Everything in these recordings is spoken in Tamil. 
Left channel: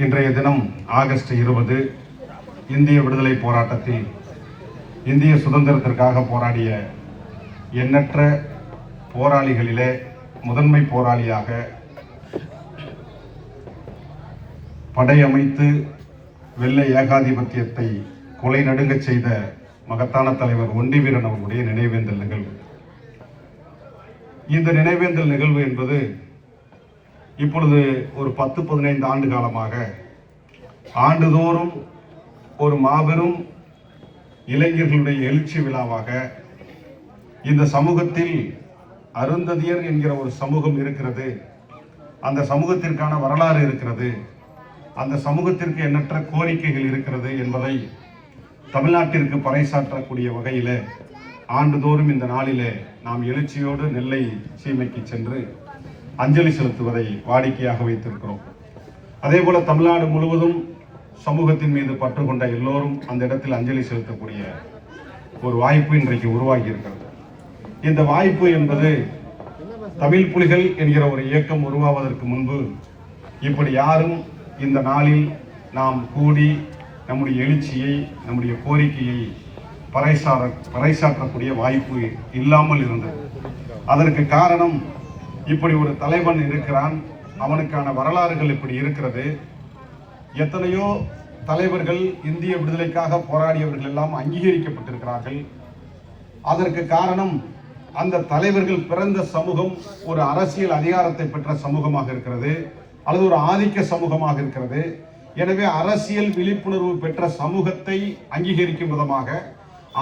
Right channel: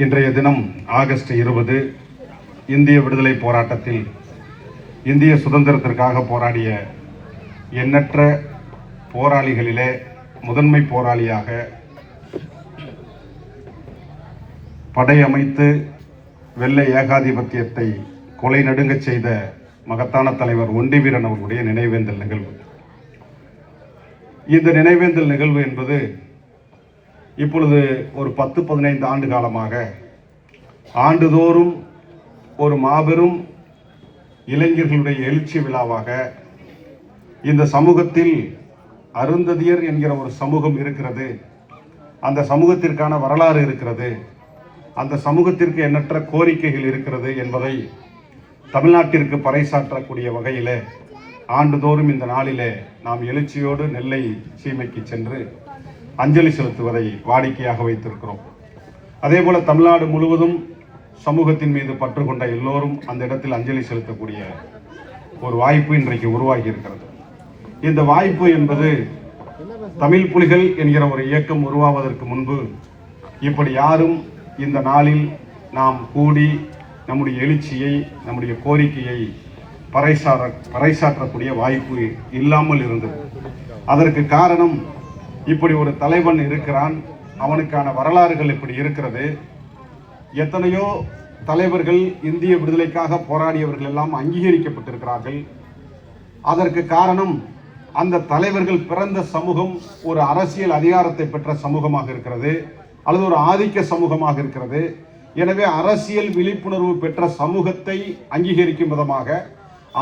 இன்றைய தினம் ஆகஸ்ட் 20 இந்திய விடுதலை போராட்டத்தில் இந்திய சுதந்திரத்திற்காக போராடிய எண்ணற்ற போராளிகளிலே முதன்மை போராளியாக படையமைத்து வெள்ளை ஏகாதிபத்தியத்தை கொலை நடுங்கச் செய்த மகத்தான தலைவர் ஒண்டிவீரன் அவர்களுடைய நினைவேந்தல் நிகழ்வு. இந்த நினைவேந்தல் நிகழ்வு என்பது இப்பொழுது ஒரு 10-15 ஆண்டு காலமாக ஆண்டுதோறும் ஒரு மாபெரும் இளைஞர்களுடைய எழுச்சி விழாவாக இந்த சமூகத்தில் அருந்ததியர் என்கிற ஒரு சமூகம் இருக்கிறது, அந்த சமூகத்திற்கான வரலாறு இருக்கிறது, அந்த சமூகத்திற்கு எண்ணற்ற கோரிக்கைகள் இருக்கிறது என்பதை தமிழ்நாட்டிற்கு பறைசாற்றக்கூடிய வகையிலே ஆண்டுதோறும் இந்த நாளிலே நாம் எழுச்சியோடு நெல்லை சீமைக்கு சென்று அஞ்சலி செலுத்துவதை வாடிக்கையாக வைத்திருக்கிறோம். அதே போல தமிழ்நாடு முழுவதும் சமூகத்தின் மீது பற்று கொண்ட எல்லோரும் அந்த இடத்தில் அஞ்சலி செலுத்தக்கூடிய ஒரு வாய்ப்பு இன்றைக்கு உருவாகி இருக்கிறது. இந்த வாய்ப்பு என்பது தமிழ் புலிகள் என்கிற ஒரு இயக்கம் உருவாவதற்கு முன்பு இப்படி யாரும் இந்த நாளில் நாம் கூடி நம்முடைய எழுச்சியை, நம்முடைய கோரிக்கையை பறைசாற்றக்கூடிய வாய்ப்பு இல்லாமல் இருந்தது. அதற்கு காரணம், இப்படி ஒரு தலைவன் இருக்கிறான், அவனுக்கான வரலாறுகள் இப்படி இருக்கிறது. எத்தனையோ தலைவர்கள் இந்திய விடுதலைக்காக போராடியவர்கள் எல்லாம் அங்கீகரிக்கப்பட்டிருக்கிறார்கள். அதற்கு காரணம், அந்த தலைவர்கள் பிறந்த சமூகம் ஒரு அரசியல் அதிகாரத்தை பெற்ற சமூகமாக இருக்கிறது அல்லது ஒரு ஆதிக்க சமூகமாக இருக்கிறது. எனவே அரசியல் விழிப்புணர்வு பெற்ற சமூகத்தை அங்கீகரிக்கும் விதமாக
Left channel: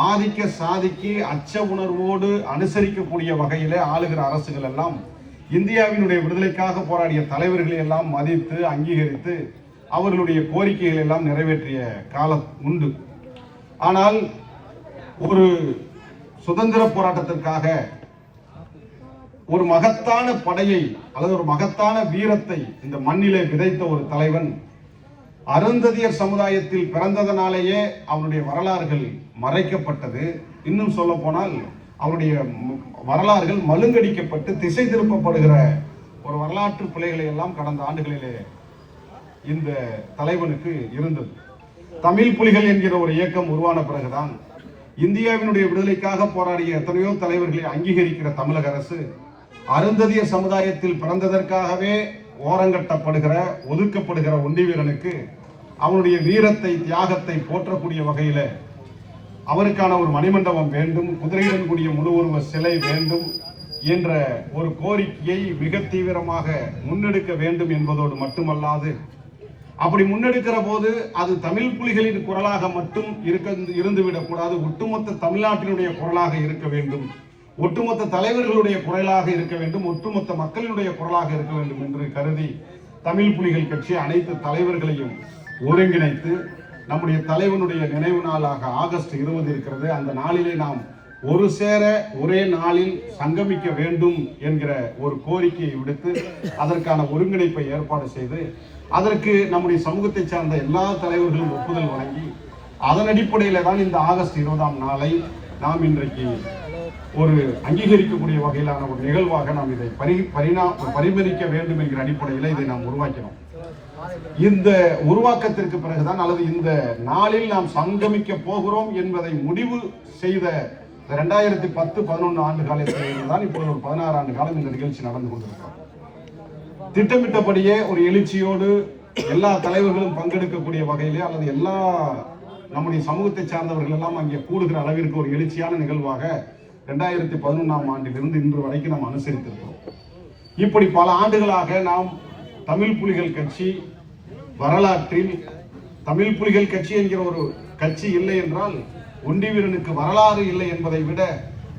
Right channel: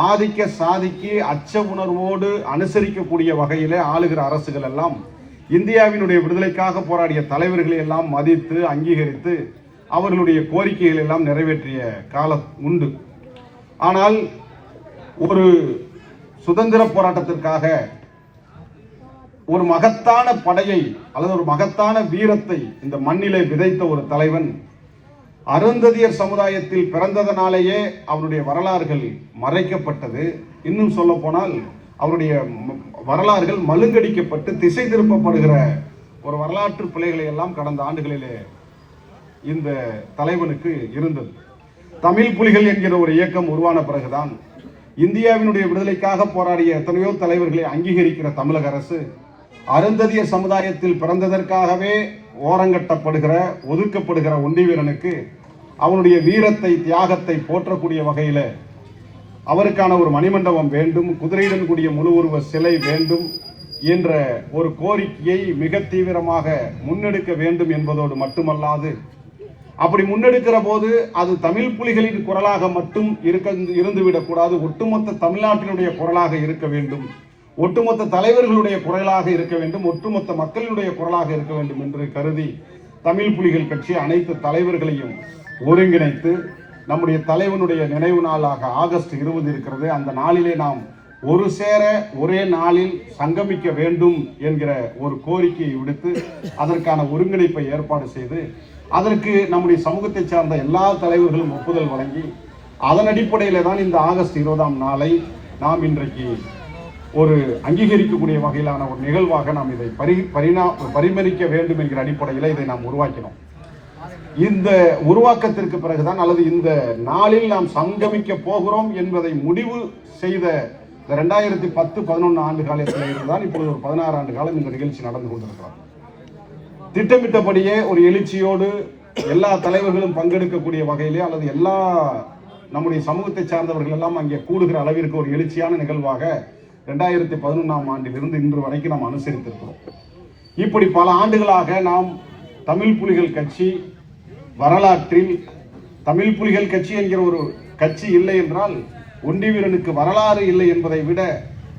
ஆதிக்க சாதிக்கு அச்ச உணர்வோடு அனுசரிக்கக்கூடிய வகையிலே ஆளுகிற அரசுகள் எல்லாம் இந்தியாவினுடைய விடுதலைக்காக போராடிய தலைவர்களை எல்லாம் மதித்து அங்கீகரித்து அவர்களுடைய கோரிக்கைகள் எல்லாம் நிறைவேற்றிய காலம் உண்டு. ஆனால் ஒரு சுதந்திர போராட்டத்திற்காக ஒரு மகத்தான படையை அல்லது ஒரு மகத்தான வீரத்தை இந்த மண்ணிலே விதைத்த ஒரு தலைவன் அருந்ததியர் சமுதாயத்தில் பிறந்ததனாலேயே அவருடைய வரலாறுகள் மறைக்கப்பட்டது. இன்னும் சொல்ல போனால் அவருடைய வரலாறுகள் மழுங்கடிக்கப்பட்டு திசை திருப்பப்படுகிற ஒரு வரலாற்று பிழைகளை எல்லாம் கடந்த ஆண்டுகளிலே இந்த தலைவனுக்கு இருந்தது. தமிழ் புலிகள் என்கிற ஒரு இயக்கம் உருவான பிறகுதான் இந்தியாவினுடைய விடுதலைக்காக போராடிய எத்தனையோ தலைவர்களை அங்கீகரிக்கிற தமிழக அரசு அருந்ததியர் சமுதாயத்தில் பிறந்ததற்காகவே ஓரங்கட்டப்படுகிற ஒதுக்கப்படுகிற ஒண்டிவீரனுக்கு அவனுடைய வீரத்தை, தியாகத்தை போற்றக்கூடிய வகையில் அவருக்கான ஒரு மணிமண்டபம் வேண்டும், குதிரையுடன் கூடிய முழு உருவ சிலை வேண்டும் என்ற ஒரு கோரிக்கையை மிக தீவிரமாக முன்னெடுக்க வேண்டும் என்பதோடு மட்டுமல்லாது, அப்படி முன்னெடுக்கிற போது அது தமிழ் புலிகளின் குரலாக மட்டும் இருந்துவிடக்கூடாது, ஒட்டுமொத்த தமிழ்நாட்டினுடைய குரலாக இருக்க வேண்டும், ஒட்டுமொத்த தலைவர்களுடைய குரலாக இருக்க வேண்டும், ஒட்டுமொத்த மக்களுடைய குரலாக இருக்க வேண்டும் என்று கருதி தமிழ் புலிகள் கட்சி அனைத்து தலைவர்களையும் ஒருங்கிணைத்து நம்முடைய தலைவனுடைய நினைவு நாளாக ஆகஸ்ட் 20 இருக்கிறது. அந்த நாளிலே நாம் ஒரு சேர ஒரே நாளில் சங்கமிக்க வேண்டும் என்கிற ஒரு கோரிக்கையை விடுத்து அதற்கான ஒருங்கிணைப்பை ஏற்பாடு செய்து அதற்கு நம்முடைய சமூகத்தை சார்ந்த எல்லா தலைவர்களும் ஒப்புதல் வழங்கி அதன் அடிப்படையில் தான் இந்த ஆகஸ்ட் 20ஆம் நாளை நாம் இன்றைக்கு ஒரு அங்கீகரிக்கக்கூடிய வகையிலான ஒரு நிகழ்வாக நாம் இதை பரிமரிக்க வேண்டும் என்கிற அடிப்படையில் இதை நாம் உருவாக்கினோம். இந்த உருவாக்கத்திற்கு பிறகுதான் அல்லது இந்த நாளில் நாம் சங்கமிக்க போகிறோம் என்பதை முடிவு செய்த 2010-11 ஆண்டு காலத்தில் தான் இப்பொழுது ஒரு 16 ஆண்டு காலம் இந்த நிகழ்ச்சி நடந்து கொண்டிருக்கிறார். திட்டமிட்டபடியே ஒரு எழுச்சியோடு எல்லா தலைவர்களும் பங்கெடுக்கக்கூடிய வகையிலே அல்லது எல்லா நம்முடைய சமூகத்தை சார்ந்தவர்கள் எல்லாம் அங்கே கூடுகிற அளவிற்கு ஒரு எழுச்சியான நிகழ்வாக 2011ஆம் ஆண்டிலிருந்து இன்று வரைக்கும் நாம் அனுசரித்திருக்கிறோம். இப்படி பல ஆண்டுகளாக நாம் தமிழ் புலிகள் கட்சி வரலாற்றில் தமிழ் புலிகள் கட்சி என்கிற ஒரு கட்சி இல்லை என்றால் ஒண்டிவீரனுக்கு வரலாறு இல்லை என்பதை விட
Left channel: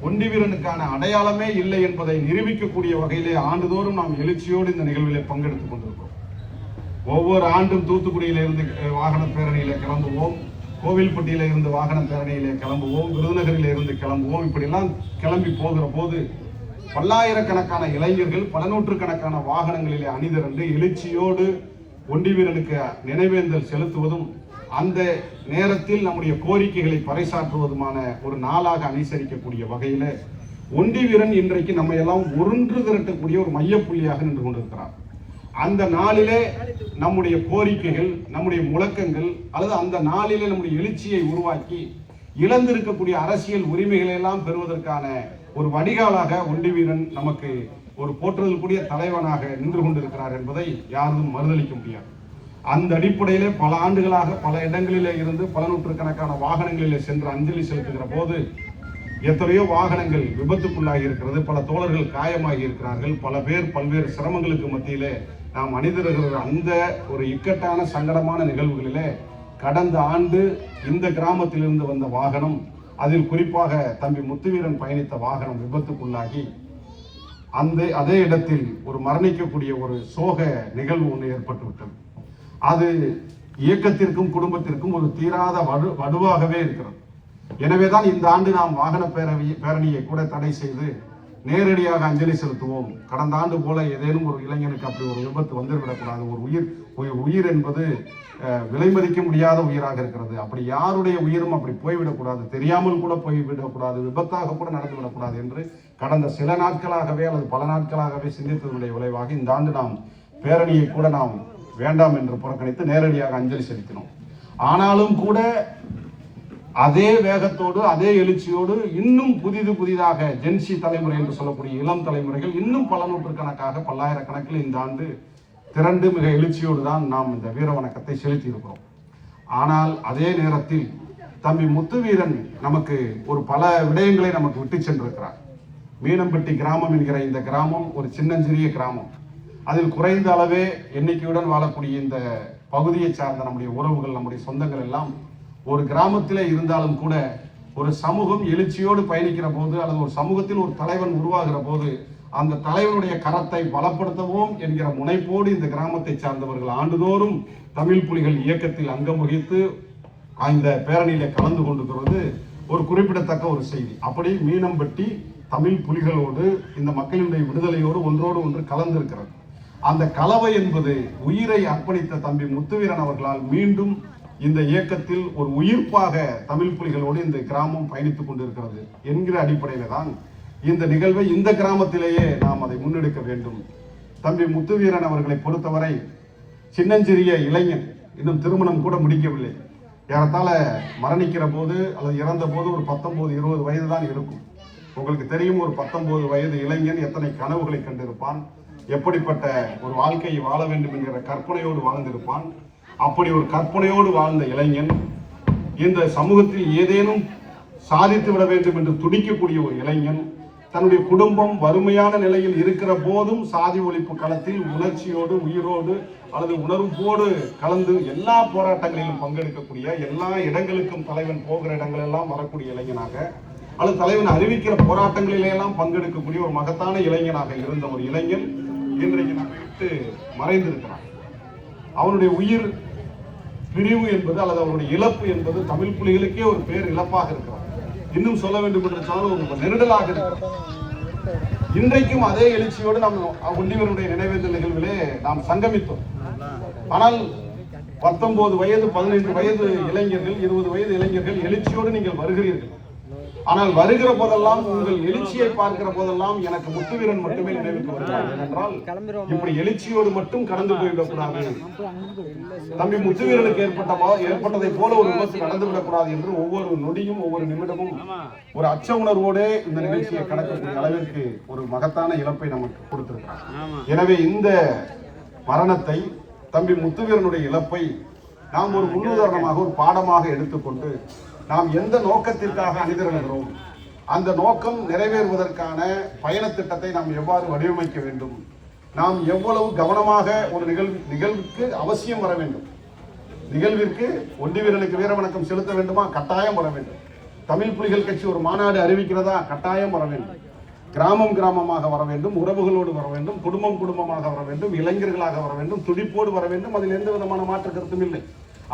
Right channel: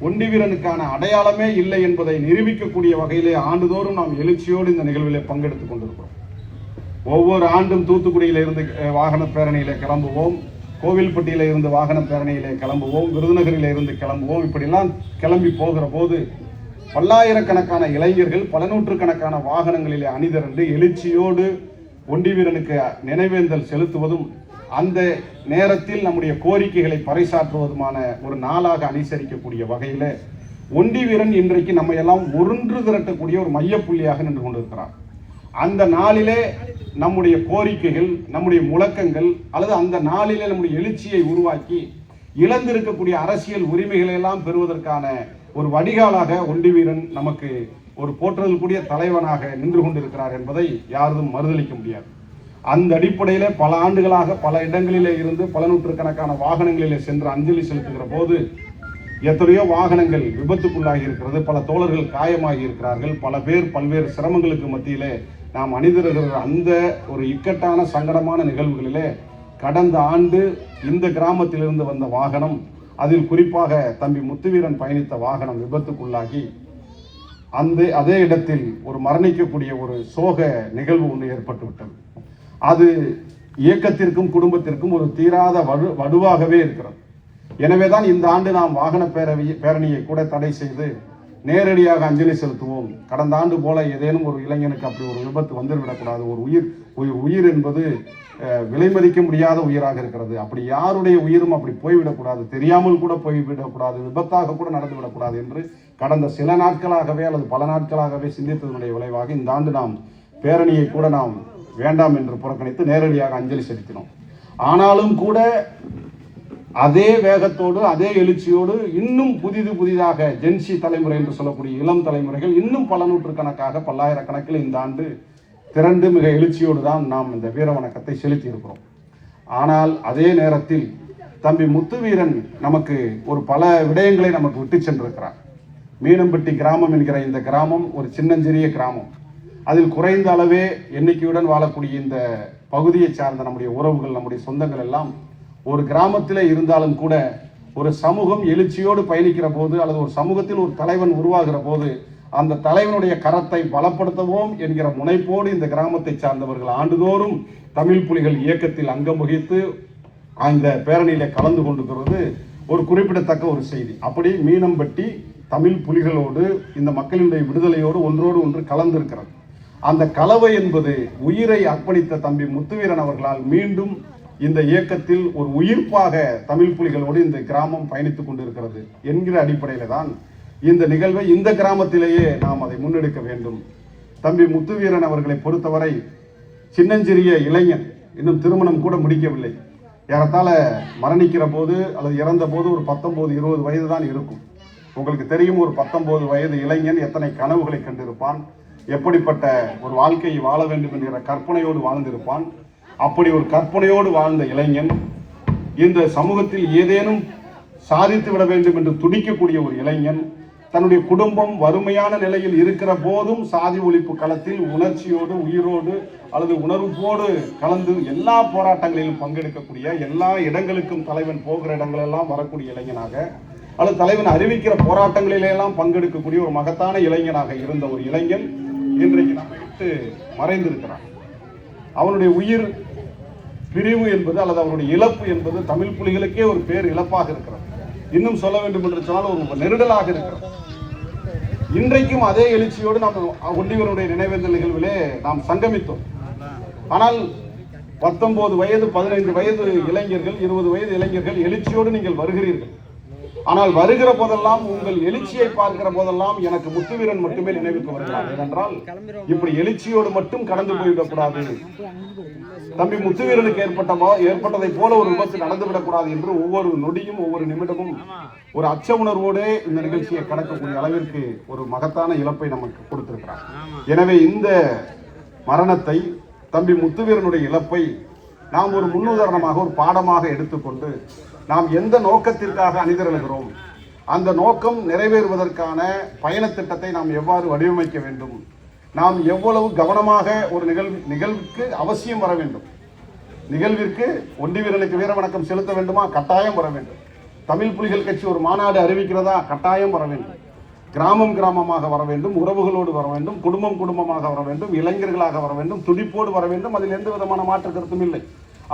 ஒண்டிவீரனுக்கான அடையாளமே இல்லை என்பதை நிரூபிக்கக்கூடிய வகையிலே ஆண்டுதோறும் நாம் எழுச்சியோடு இந்த நிகழ்விலே பங்கெடுத்துக் கொண்டிருக்கிறோம். ஒவ்வொரு ஆண்டும் தூத்துக்குடியில இருந்து வாகன பேரணியிலே கிளம்புவோம், கோவில்பட்டியில இருந்து வாகன பேரணியிலே கிளம்புவோம், விருதுநகரில இருந்து கிளம்புவோம். இப்படிலாம் கிளம்பி போகிற போது பல்லாயிரக்கணக்கான இளைஞர்கள் பல நூற்றுக்கணக்கான வாகனங்களிலே அணிதிரண்டு எழுச்சியோடு ஒண்டிவீரனுக்கு நினைவேந்தல் செலுத்துவதும் அந்த நேரத்தில் நம்முடைய கோரிக்கைகளை பறைசாற்றுவதுமான ஒரு நாளாக அனுசரிக்கக்கூடிய வகையில் ஒண்டிவீரன் இன்றைக்கு நம்ம எல்லாம் ஒன்று திரட்டக்கூடிய ஒரு மையப்புள்ளியாக நின்று கொண்டிருக்கிறார். அந்த நாளிலே நம்முடைய கோரிக்கைகள், நம்முடைய முழக்கங்கள் அல்லது அந்த நாளிலே நம்முடைய எழுச்சியை உருவாக்கி இழந்திருக்கக்கூடிய அரசியல் உரிமைகளை எல்லாம் பெறுவதற்கான ஒரு வடிகாலாக ஒண்டிவீரன் நமக்கு ஒரு போற்றுதலுக்குரிய தலைவனாக நின்று கொண்டிருக்கிறார் என்பதை யாரும் மறுதளிக்க முடியாது. அந்த அடிப்படையில பல ஆண்டுகளாக பல இடங்களிலே இருந்து பல நூற்றுக்கணக்கான வாகனங்களிலே சென்று அஞ்சலி செலுத்துகிற போது எத்தனையோ வாகனங்கள் விபத்துக்குள்ளாகி இருக்கிறது, பல தோழர்கள் காயமாகி இருக்கிறார்கள், பல பேர் பல்வேறு சிரமங்களுக்கு மத்தியிலே நாம் அணிந்திருக்கிற அந்த ஒரு இக்கட்டான சங்கடமான நிகழ்வுகளிலே கடந்த ஆண்டு இந்த கிராமத்திலிருந்து வந்த வாகனம், அதில் குறிப்பாக தம்பி முத்துவீரன் பயணித்த வாகனம் விபத்துக்குள்ளாகி அதே இடத்தில் ஒரு மரணிக்கக்கூடிய ஒரு சோக நிகழ்வு ஒன்று ஏற்பட்டுவிட்டது. அது இயக்கத்திற்கும் குடும்பத்திற்கும் ஒரு தீராத வடுவாகவே இருக்கிறது. எனவேதான் இந்த ஆண்டு நாம் வாகன பேரணியை கூட தடை செய்து நேரடியாக அஞ்சலி செலுத்துவோம். கடந்த ஆண்டு போல ஏதேனும் ஒரு இளைஞனுக்கு அப்படி ஒரு விபத்து வந்துவிடக்கூடாது. ஒரு உயிர் என்பது விலை மதிக்க முடியாத உயிராக இருக்கிறது. அப்படி யாருடைய உயிரும் அப்படி போய்விடக்கூடாது, தெரியாமல் கூட போய்விடக்கூடாது, விபத்தாக கூட நடந்துவிடக்கூடாது என்று கடந்த சில நாட்களாகவே அல்லது பல நாட்களாகவே சிந்தித்ததனுடைய விளைவாக இந்த ஆண்டு நாம் பேரணியை கூட நாம் வேண்டாம் என்று புறக்கணித்து நேரடியாக அஞ்சலி செலுத்தினோம். ஆனாலும் கூட அதே வேகத்தோடு அதே எழுச்சியோடு இன்னும் புதிதாக ஜென்சி தலைமுறை என்று சொல்லக்கூடிய இளம் தலைமுறைகள் இன்னும் பல நூற்றுக்கணக்காக பல்லாயிரக்கணக்கில் இந்த ஆண்டு திரண்டு மிக எழுச்சியோடு தான் நாம் இந்த வீர வணக்கத்தை செலுத்தி இருக்கிறோம். ஆனால் அதே நேரத்தில் தம்பி முத்துவீரன் நமக்கு ஒரு பல விடயங்களை நமக்கு விட்டு சென்றிருக்கிறார். மீனம்பட்டி கிராமம் என்கிற இந்த கிராமம் ஒரு சின்னஞ்சிறிய கிராமம். அதில் குறைந்த அளவே எண்ணிக்கையுடன் வாழக்கூடிய இந்த பகுதியை சார்ந்த நம்முடைய உறவுகள், நம்முடைய சொந்தங்கள் எல்லாம் ஒரு கிராமத்திலே இருந்தாலும் கூட ஒரு சமூகம் எழுச்சியோடு பயணிக்கிற போது அல்லது ஒரு சமூகத்தில் ஒரு தலைவன் உருவாகிற போது அந்த தலைவனுடைய கரத்தை பலப்படுத்துவோம் என்கிற முனைப்போடு இந்த கிராமத்தை சார்ந்தவர்கள் ஆண்டுதோறும் தமிழ் புலிகள் இயக்கத்தில் அங்கம் வகித்து அந்த பேரணியில கலந்து கொண்டிருக்கிறது ஒரு குறிப்பிடத்தக்க ஒரு செய்தி. அப்படி மீனம்பட்டி தமிழ் புலிகளோடு இந்த மக்களுடைய விடுதலையோடு ஒன்றோடு ஒன்று கலந்திருக்கிறது. அந்த கலவை என்பது உயிரை அர்ப்பணித்த தம்பி முத்துவீரன் அவர்களால் மீண்டும் இந்த இயக்கத்தில் ஒரு உயிர்ப்பாக தமிழ் புலிகளோடு இந்த கிராமம் பயணித்துக் கொண்டிருக்கிறது என்கிற அடிப்படையில தான் இந்த நிகழ்வை இந்த கிராமத்திலேயே நாம் அதை முன்னெடுக்க வேண்டும். தம்பி முத்துவீரன் அவர்களை பொறுத்தவரை சின்னஞ்சிறிய இளைஞன், இன்னும் திருமணம் கூட முடிக்கவில்லை. ஏறத்தாழ மரணிக்கிற போது அல்லது இறந்த போது ஒரு 19-20 வயது தான் இருக்கும். உங்களுக்கு தெரியும், ஒரு 19 வயது இளைஞன் எத்தனை கனவுகளை கண்டிருப்பான், எப்படிப்பட்ட ஒரு வாழ்க்கையை வாழ வேண்டும் என்கிற கற்பனையோடு வாழ்ந்திருப்பான். அப்படி ஒரு கற்பனையோடு வாழ்ந்த இளைஞன் இந்த சமூகத்தில் ஏதேனும் சாதித்து விட வேண்டும் என்று துடிக்கக்கூடிய ஒரு இளைஞன், தன்னுடைய குடும்பம் வறுமையான நிலையில் இருக்கிற போதும் சாதி ஒழிப்பு களத்தில் உணர்ச்சியோடு, உயிரோடு அல்லது உணர்வோடு கலந்து எல்லா போராட்டங்களிலும் பங்கெடுக்கக்கூடிய, எல்லா இடங்களுக்கும் தலைவன் போகிற இடங்களெல்லாம் வரக்கூடிய இளைஞனாக அல்லது தலைவன் அறிவிக்கிற போராட்டங்களிலெல்லாம் பங்கெடுக்கக்கூடிய ஒரு மகத்தான இளைஞனாக இருந்த ஒரு இளைஞன் இன்றைக்கு நம்மை விட்டு மறைந்திருக்கிறான். அவனுடைய உயிர் பிரிவு என்பது அல்லது அவருடைய இழப்பு என்பது தமிழ் புலிகளுக்கே ஒரு பேர் இழப்பாக இருக்கிறது. இன்னும் சொல்ல வேண்டும் என்று சொன்னால் ஒரு நெருடலாக இருக்கிறது. இன்றைக்கும் அதே எழுச்சியோடு நாம் ஒண்டிவீரனுடைய நினைவேந்தல் நிகழ்விலே நாம் சங்கமித்தோம். ஆனால் 19 வயது 15 வயது இளைஞர்கள், 20 வயது இளைஞர்கள் எழுச்சியோடு நீங்கள் வருகிறீர்கள். ஆனால் வருகிற போதெல்லாம், உங்கள் எழுச்சியை பார்க்கிற போதெல்லாம் எனக்கு முத்துவீரன் மட்டுமே நினைவுக்கு வருகிறார். ஏனென்றால் இப்படி எழுச்சியோடு மட்டும் கடந்து போய்விடக்கூடாது, தம்பி முத்துவீரனுக்கு ஏற்பட்டதை போல ஒரு விபத்து நடந்துவிடக்கூடாது என்று ஒவ்வொரு நொடியும் ஒவ்வொரு நிமிடமும் ஒரு அச்ச உணர்வோடு இந்த நிகழ்ச்சியை கடக்கக்கூடிய அளவிற்கு ஒரு மகத்தான இழப்பை நமக்கு கொடுத்திருக்கிறார். எனவே இந்த மரணத்தை, தம்பி முத்துவீரனுடைய இழப்பை நாம் ஒரு முன்னுதாரணமாக, ஒரு பாடமாக எடுத்துக்கொண்டு நாம் எந்த நோக்கத்திற்காக அணிதிரளுகிறோம், அந்த நோக்கம் நிறைவேறுவதற்கான பயண திட்டத்தை நாம் எவ்வாறு வடிவமைக்க வேண்டும், நாம் எவ்வளவு கவனமாக ஒரு நிகழ்வுக்கு அவசியம் வர வேண்டும். நிகழ்விற்கு ஒண்டிவீரனுக்கு வீர வணக்கம் செலுத்த வேண்டுமா? கட்டாயம் வர வேண்டும். தமிழ் புலிகள் கட்சி ஒரு மாநாடு அறிவிக்கிறதா? கட்டாயம் வர வேண்டும். கிராமம் கிராமமாக வர வேண்டும், உறவுகளோடு வர வேண்டும், குடும்பம் குடும்பமாக வர வேண்டும், இளைஞர்களாக வர வேண்டும், துடிப்போடு வர வேண்டும். அதில் எந்த விதமான மாற்று கருத்தும் இல்லை.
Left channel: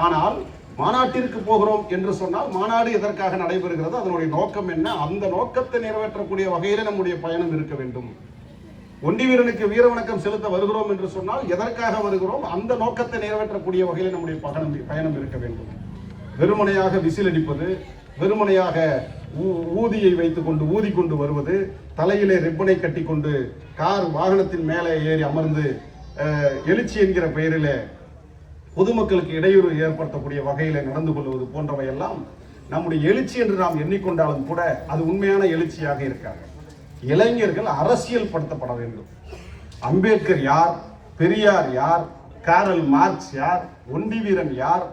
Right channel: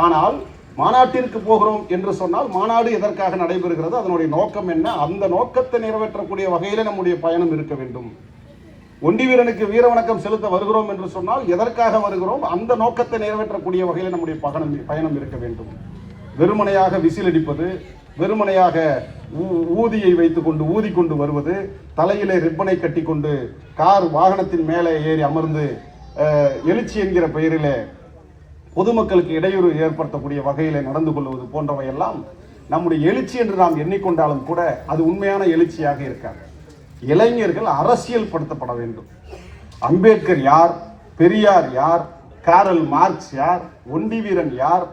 ஆனால் மாநாட்டிற்கு போகிறோம் என்று சொன்னால் மாநாடு எதற்காக நடைபெறுகிறது, அதனுடைய நோக்கம் என்ன, அந்த நோக்கத்தை நிறைவேற்றக்கூடிய வகையிலே நம்முடைய பயணம் இருக்க வேண்டும். ஒண்டிவீரனுக்கு வீர வணக்கம் செலுத்த வருகிறோம் என்று சொன்னால் எதற்காக வருகிறோம், அந்த நோக்கத்தை நிறைவேற்றக்கூடிய வகையில் நம்முடைய பயணம் இருக்க வேண்டும். வெறுமனையாக விசில் அடிப்பது, வெறுமனையாக ஊதியை வைத்துக்கொண்டு ஊதிக்கொண்டு வருவது, தலையிலே ரிப்பனை கட்டி கொண்டு கார் வாகனத்தின் மேலே ஏறி அமர்ந்து எழுச்சி என்கிற பெயரிலே பொதுமக்களுக்கு இடையூறு ஏற்படுத்தக்கூடிய வகையில் நடந்து கொள்வது போன்றவையெல்லாம் நம்முடைய எழுச்சி என்று நாம் எண்ணிக்கொண்டாலும் கூட அது உண்மையான எழுச்சியாக இருக்காது. இளைஞர்கள் அரசியல் படுத்தப்பட வேண்டும். அம்பேத்கர் யார், பெரியார் யார், காரல் மார்க்ஸ் யார், ஒண்டி வீரன் யார்,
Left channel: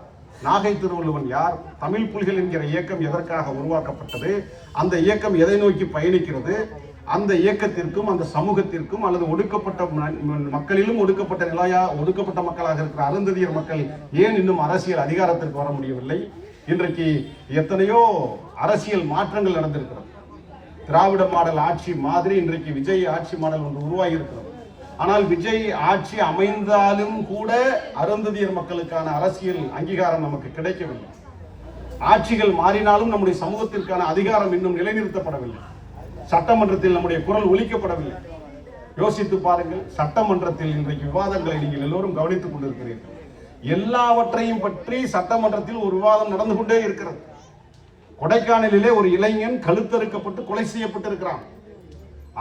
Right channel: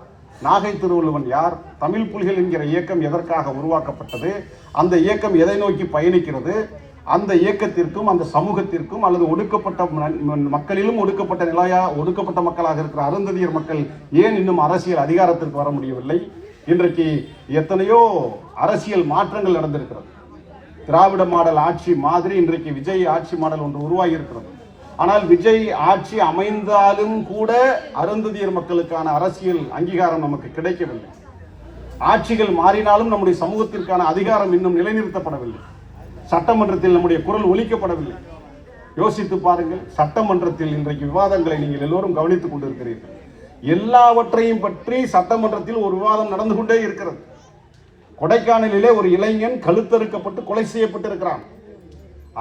நாகை திருவள்ளுவன் யார், தமிழ் புலிகள் என்கிற இயக்கம் எதற்காக உருவாக்கப்பட்டது, அந்த இயக்கம் எதை நோக்கி பயணிக்கிறது, அந்த இயக்கத்திற்கும் அந்த சமூகத்திற்கும் அல்லது ஒடுக்கப்பட்ட மக்களிலும் ஒடுக்கப்பட்ட மக்களாக இருக்கிற அருந்ததியர் மக்கள் ஏன் இன்னும் அரசியல் அதிகாரத்திற்கு வர முடியவில்லை? இன்றைக்கு எத்தனையோ அரசியல் மாற்றங்கள் நடந்திருக்கிறது. திராவிட மாடல் ஆட்சி மாதிரி இன்றைக்கு விஜய் ஆட்சி மாடல் ஒன்று உருவாகி இருக்கிறது. ஆனால் விஜய் ஆட்சி அமைந்தாலும் கூட அருந்ததியர் மக்களுக்கான அரசியல் அங்கீகாரம் நமக்கு கிடைக்கவில்லை. ஆட்சிகள் மாறினாலும் நம்முடைய சமூகத்திற்கான அதிகாரம் இன்னும் நிலைநிறுத்தப்படவில்லை. சட்டமன்றத்தில் நம்முடைய குரல் ஒலிக்கப்படவில்லை. யோசித்து பாருங்கள். சட்டமன்றத்தில் இன்றைக்கு விவாதங்களை நீங்கள் எல்லோரும் கவனித்துக் கொண்டிருக்கிறீர்கள். எல்லாவற்றையும் பற்றி சட்டமன்றத்தில் ஒரு விவாதம் நடந்து கொண்டே இருக்கிறது. கொடைக்கானலிலே ஒரு இளைஞன் கழுத்தறுக்கப்பட்டு கொலை செய்யப்பட்டிருக்கிறான்.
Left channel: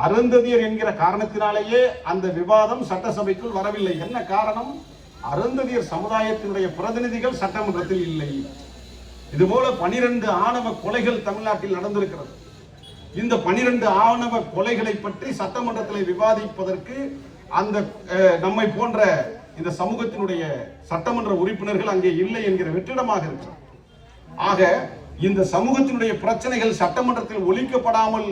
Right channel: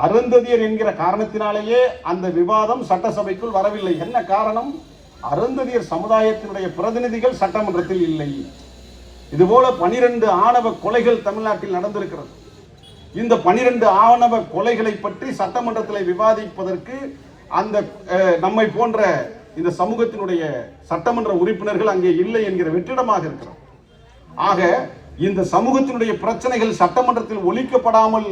அருந்ததியர் என்கிற காரணத்தினாலேயே அந்த விவாதம் சட்டசபைக்குள் வரவில்லை. என்ன காரணம்? அருந்ததியர் சமுதாயத்தினுடைய பிரதிநிதிகள் சட்டமன்றத்தில் இல்லை. இதுபோல 12 ஆணவ கொலைகள் தமிழ்நாட்டில் நடந்திருக்கிறது. இந்த 12 ஆணவ கொலைகளை பற்றி சட்டமன்றத்தில் விவாதிப்பதற்கு அந்த நம்மை போன்ற இந்த சமூகத்தினுடைய சட்டமன்ற உறுப்பினர்கள் அங்கே இல்லை என்கிற வெற்றிடமாக இருக்கிறது. ஆக இந்த சமூகத்தினுடைய பிரச்சனைகள் சட்டமன்றத்தில் ஒலிக்கப்படாமல்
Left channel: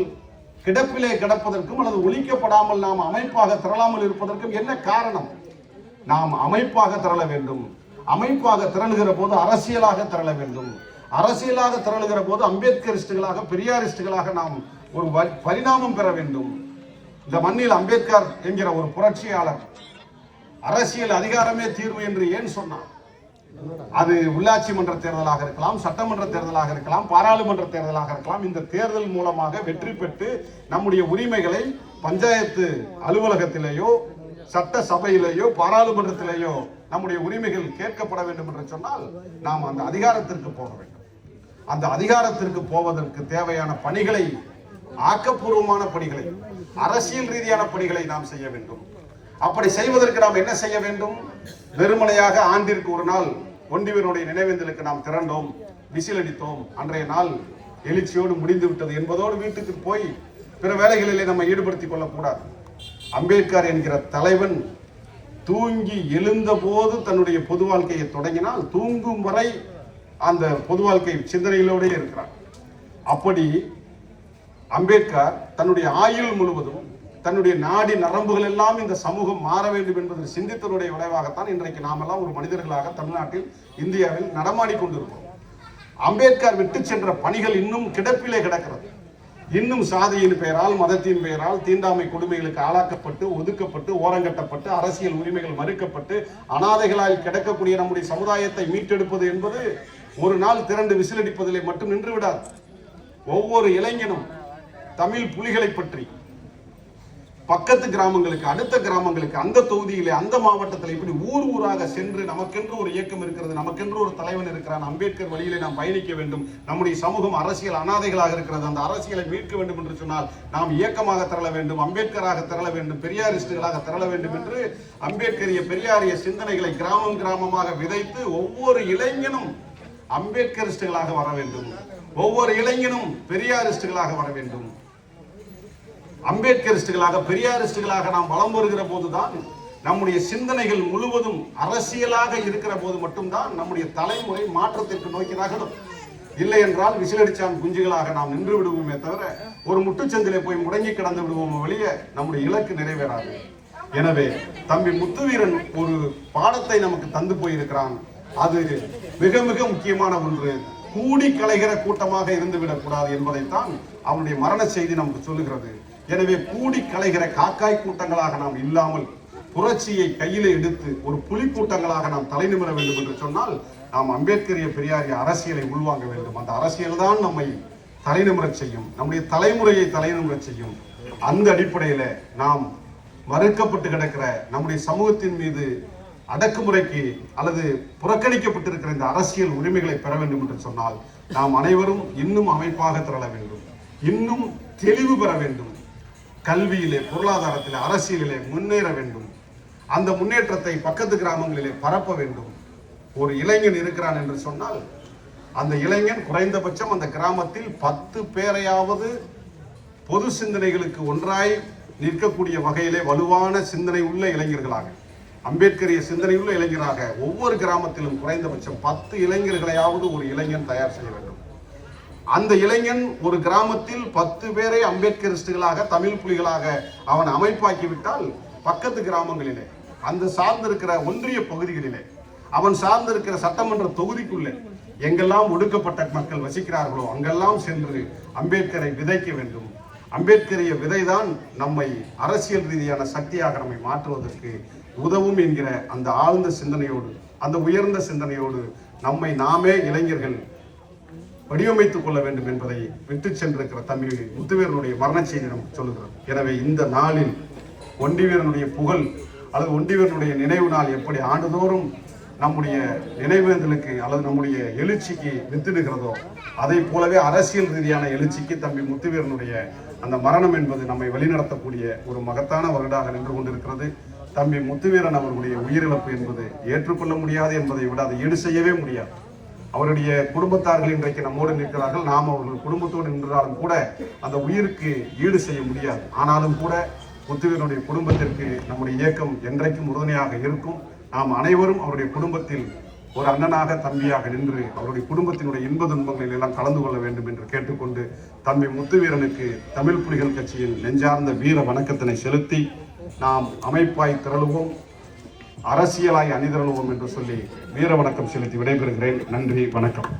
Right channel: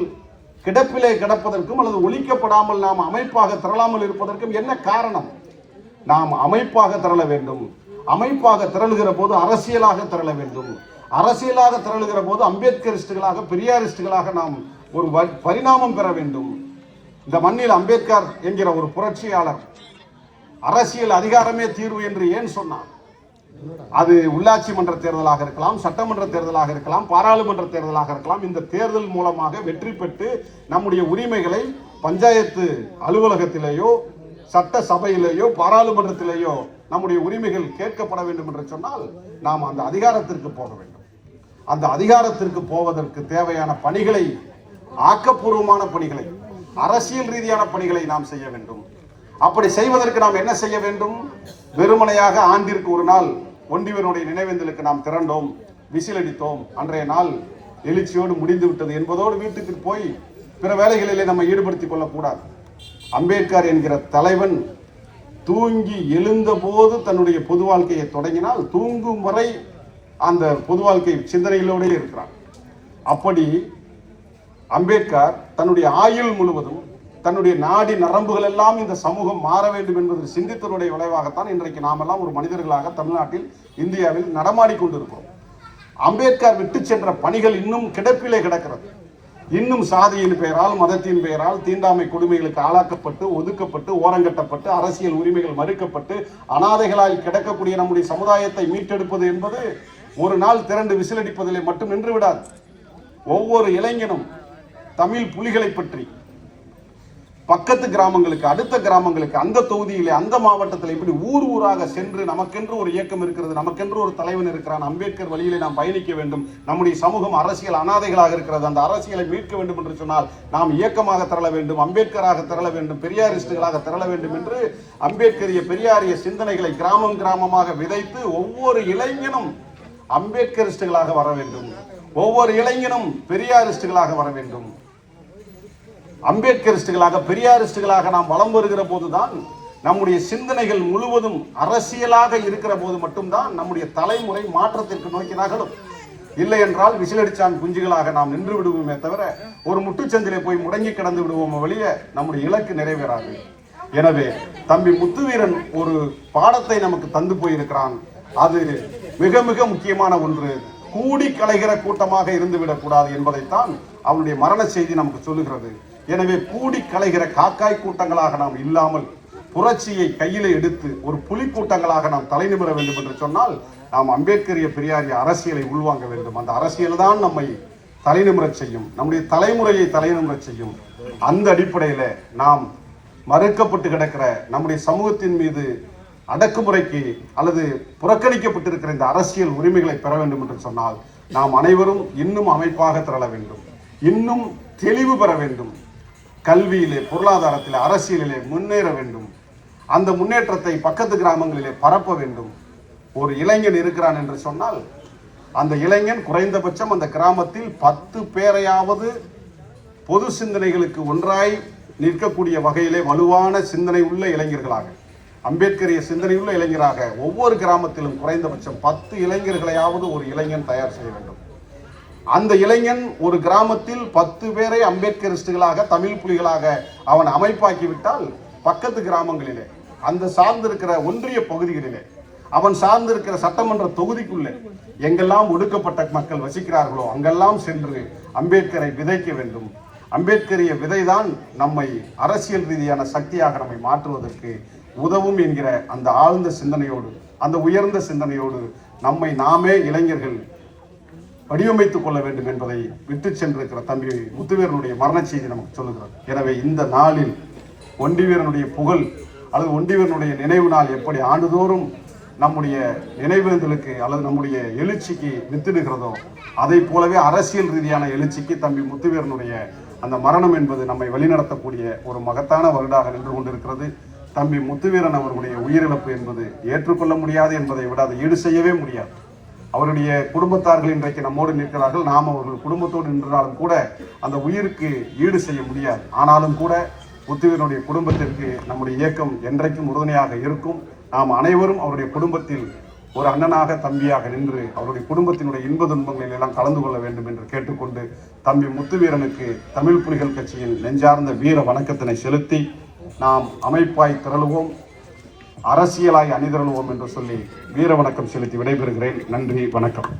கிடப்பிலே கிடப்பதற்கும் அல்லது ஒலிக்கப்படாமல் நாம் அமைப்பாக திரளாமல் இருப்பதற்கும் என்ன காரணம்? நாம் அமைப்பாக திரள வேண்டும். அமைப்பாக திரளுகிற போது அரசியலாக திரள வேண்டும். அரசியலாக திரளுகிற போது அம்பேத்கரிஸ்டுகளாக பெரியாரிஸ்டுகளாக நாம் ஒரு பரிணாமம் பெற வேண்டும். இந்த மண்ணில் அம்பேத்கர் என்கிற ஒரு புரட்சியாளர் அரசியல் அதிகாரமே தீர்வு என்று ஏன் சொன்னார்? அது உள்ளாட்சி மன்ற தேர்தலாக இருக்கலாம், சட்டமன்ற தேர்தலாக இருக்கலாம், பாராளுமன்ற தேர்தலாக இருக்கலாம். இந்த தேர்தல் மூலமாக வெற்றி பெற்று நம்முடைய உரிமைகளை பஞ்சாயத்து அலுவலகத்திலேயோ சட்ட சபையிலேயோ பாராளுமன்றத்திலேயோ நம்முடைய உரிமைகள் கேட்கப்பட வேண்டும் என்று சொன்னால் நாம் அந்த அதிகாரத்திற்கு போக வேண்டும். அந்த அதிகாரத்திற்கு போவதற்கு தேவையான பணிகளை, ஆக்கப்பூர்வமான பணிகளை, அரசியல் ரீதியான பணிகளை நாம் செய்ய வேண்டும். அப்படி செய்வதற்கு நாம் என்ன செய்ய வேண்டும்? வெறுமனையாக ஆண்டிற்கு ஒரு நாள் ஒண்டிவனுடைய நினைவேந்தலுக்கு நாம் திரண்டோம், விசில் அடித்தோம், அன்றைய நாள் எழுச்சியோடு முடிந்து விட்டது என்பதோடு வீட்டுக்கு போய் பிற வேலைகளிலே நம்ம ஈடுபடுத்திக் கொள்ளக்கூடாது. அம்பேத்கர் என்கிற தலைவன் தூங்கி எழுந்த போது தன்னுடைய பொது வாழ்க்கையை தொடங்கினால் தூங்கும் வரை அந்த பொது வாழ்க்கை சிந்தனைகளோடு இருக்கிறார். அப்படி அம்பேத்கர் தன்னுடைய ஆயுள் முழுவதும் தன்னுடைய நாடி நரம்புகள் எல்லாம் இந்த சமூகம் மாற வேண்டும் என்பது சிந்தித்தனுடைய விளைவாகத்தான் இன்றைக்கு நாமெல்லாம் ஒரு மனிதர்களாக தமிழ்நாட்டில், இந்தியாவில் நடமாடி கொண்டிருக்கிறோம். அம்பேத்கர் விட்டு சென்ற பணிகள் இன்னும் கிடப்பிலே கிடக்கிறது. இன்னும் சாதியின் பெயரால், மதத்தின் பெயரால் தீண்டாமை கொடுமைகளுக்கு ஆளாக்கப்பட்டு, ஒதுக்கப்பட்டு, ஓரங்கட்டப்பட்டு, அரசியல் உரிமைகள் மறுக்கப்பட்டு அனாதைகளாய் கிடக்கக்கூடிய நம்முடைய சமுதாயத்தை மீட்டெடுப்பது என்பது ஒரு நாள் திரண்டு விசிலடிப்பதிலே மட்டும் நின்று விடாது. ஒவ்வொரு இளைஞனும் தமிழ் புலிகளை பற்றி பக்கத்து கிராமங்களுக்கு, அடுத்த கிராமங்களுக்கு, அந்த தொகுதியிலே, அந்த மாவட்டத்தில் இப்படி ஊர் ஊராக சென்று நமக்கென்று ஒரு இயக்கம் இருக்கிறது, நமக்கென்று ஒரு தலைவன் இருக்கிறான், அம்பேத்கர் வழியிலே நாம் பயணிக்க வேண்டும், நம்முடைய சமூகம் அரசியல் அனாதைகளாக இருக்கிறது, அந்த அரசியலை மீட்க வேண்டும் என்று சொன்னால் நாம் இயக்கமாக திரள வேண்டும், அம்பேத்கராக திரள வேண்டும், பெரியாரிஸ்டுகளாக திரள வேண்டும் என்று அம்பேத்கரிய பெரியாரிய சிந்தனைகளை கிராமம் கிராமமாக விதைத்து ஒவ்வொரு இளைஞனும் அம்பேத்கரிஸ்டுகளாக வர வேண்டும், ஒவ்வொரு இளைஞனும் பெரியாரிஸ்டுகளாக வர வேண்டும். அம்பேத்கரிஸ்டுகளாக பெரியாரிஸ்டுகளாக நாம் வலம் வருகிற போதுதான் நம்முடைய சிந்தனைகள் முழுவதும் அரசியலாக இருக்கிற போது மட்டும்தான் நம்முடைய தலைமுறை மாற்றத்திற்கு நோக்கி நகரும். இல்லை என்றால் விசிலடிச்சான் குஞ்சுகளாக நாம் நின்று விடுவோமே தவிர ஒரு முட்டுச்சந்திலே போய் முடங்கி கிடந்து விடுவோம் வழிய நம்முடைய இலக்கு நிறைவேறாது. எனவே தம்பி முத்துவீரன் ஒரு பாடத்தை நமக்கு தந்து போயிருக்கிறான். அது மிக மிக முக்கியமான ஒன்று. கூடி கலைகிற கூட்டமாக இருந்துவிடக் கூடாது என்பதைத்தான் அவனுடைய மரண செய்தி நமக்கு சொல்லுகிறது. எனவே கூடி கலைகிற காக்காய் கூட்டங்களாக நாம் இல்லாமல் புரட்சியை கையில எடுத்து ஒரு புலி கூட்டங்களாக நாம் தலைநிமிர வேண்டும் என்று சொன்னால் நாம் அம்பேத்கரிய பெரியாரிய அரசியலை உள்வாங்க வேண்டும். அந்த அரசியல் தான் நம்மை தலைநிமிரச் செய்யும், நம்முடைய தலைமுறையை தலைநிமிரச் செய்யும். அந்த அடிப்படையில் நாம் மறுக்கப்பட்டு கிடக்கிற நம்முடைய சமூகத்தின் மீது அடக்குமுறைக்கு அல்லது புறக்கணிக்கப்பட்டிருக்கிற இந்த அரசியல் உரிமைகளை பெற வேண்டும் என்று சொன்னால் நாம் அனைவரும் இன்னும் அமைப்பாக திரள வேண்டும், இன்னும் தெளிவு பெற வேண்டும். கல்வியிலே, பொருளாதாரத்திலே, அரசியலிலே முன்னேற வேண்டும். அந்த முன்னேற்றத்தை பக்கத்து கிராமங்களிலே பரப்ப வேண்டும். ஒரு இளைஞன் இருக்கிறான் என்று சொன்னால் அந்த இளைஞன் குறைந்தபட்சம் அந்த கிராமத்தில் 10 பேரையாவது பொது சிந்தனைகளுக்கு ஒன்றாய் நிற்கக்கூடிய வகையிலே வலுவான சிந்தனை உள்ள இளைஞர்களாக, அம்பேத்கரிய சிந்தனையுள்ள இளைஞராக ஒவ்வொரு கிராமத்திலும் குறைந்தபட்சம் 10 இளைஞர்களையாவது ஒரு இளைஞன் தயார் செய்ய வேண்டும். அந்த இளைஞன் ஒரு கிராமத்தில் 10 பேரை அம்பேத்கரிஸ்டுகளாக, தமிழ் புலிகளாக அவன் அமைப்பாக்கிவிட்டால் பக்கத்து கிராமங்களிலே, அந்த சார்ந்திருக்கிற ஒன்றிய பகுதிகளிலே, அவன் சார்ந்திருக்கிற சட்டமன்ற தொகுதிக்குள்ளே எங்கெல்லாம் ஒடுக்கப்பட்ட மக்கள் வசிக்கிறார்களோ அங்கெல்லாம் சென்று அம்பேத்கரை விதைக்க வேண்டும். அம்பேத்கரிய விதைதான் நம்மை அரசியல் ரீதியான சக்தியாக நம்மை மாற்றுவதற்கு உதவும் என்கிற அந்த ஆழ்ந்த சிந்தனையோடு, அந்த உயர்ந்த சிந்தனையோடு நம்மை நாமே இளைஞர்கள் வடிவமைத்துக் கொள்ள வேண்டும் என்பதை விட்டு சென்றிருக்கிற தம்பி முத்துவேலனுடைய மரண செய்தி நமக்கு சொல்லுகிறது. எனவே இந்த நாளில் ஒண்டிவீரனுடைய புகழ் அல்லது ஒண்டிவீரனுடைய நினைவு நாள் எப்படி ஆண்டுதோறும் நம்முடைய நினைவுகளுக்கு அல்லது நம்முடைய எழுச்சிக்கு வித்திடுகிறதோ அதை போலவே அரசியல் ரீதியான எழுச்சிக்கு தம்பி முத்துவேலனுடைய அந்த மரணம் என்பது நம்மை வழிநடத்தக்கூடிய ஒரு மகத்தான வருடாக நின்று கொண்டிருக்கிறது. தம்பி முத்துவீரன் அவர்களுடைய உயிரிழப்பு என்பது ஏற்றுக்கொள்ள முடியாது என்பதை விட அதை ஈடு செய்யவே முடியாது. அவருடைய குடும்பத்தார்கள் இன்றைக்கு நம்மோடு நிற்கிறார்கள். நாம் அவர்கள் குடும்பத்தோடு நின்றாலும் கூட அந்த உயிருக்கு ஈடு செய்ய முடியாது. ஆனாலும் கூட முத்துவீரனுடைய குடும்பத்திற்கு நம்முடைய இயக்கம் என்றைக்கும் உறுதுணையாக இருக்கும். நாம் அனைவரும் அவருடைய குடும்பத்தில் ஒரு அண்ணனாக, தம்பியாக நின்று அவருடைய குடும்பத்தினுடைய இன்ப துன்பங்களில் எல்லாம் கலந்து கொள்ள வேண்டும் என்று கேட்டுக்கொண்டு தம்பி முத்துவீரனுக்கு தமிழ் புலிகள் கட்சியின் நெஞ்சார்ந்த வீர வணக்கத்தினை செலுத்தி நாம் அமைப்பாய் திரளுவோம், அரசியலாய் அணிதிரளுவோம் என்று சொல்லி வீர வணக்கம் செலுத்தி விடைபெறுகிறேன். நன்றி, வணக்கம்.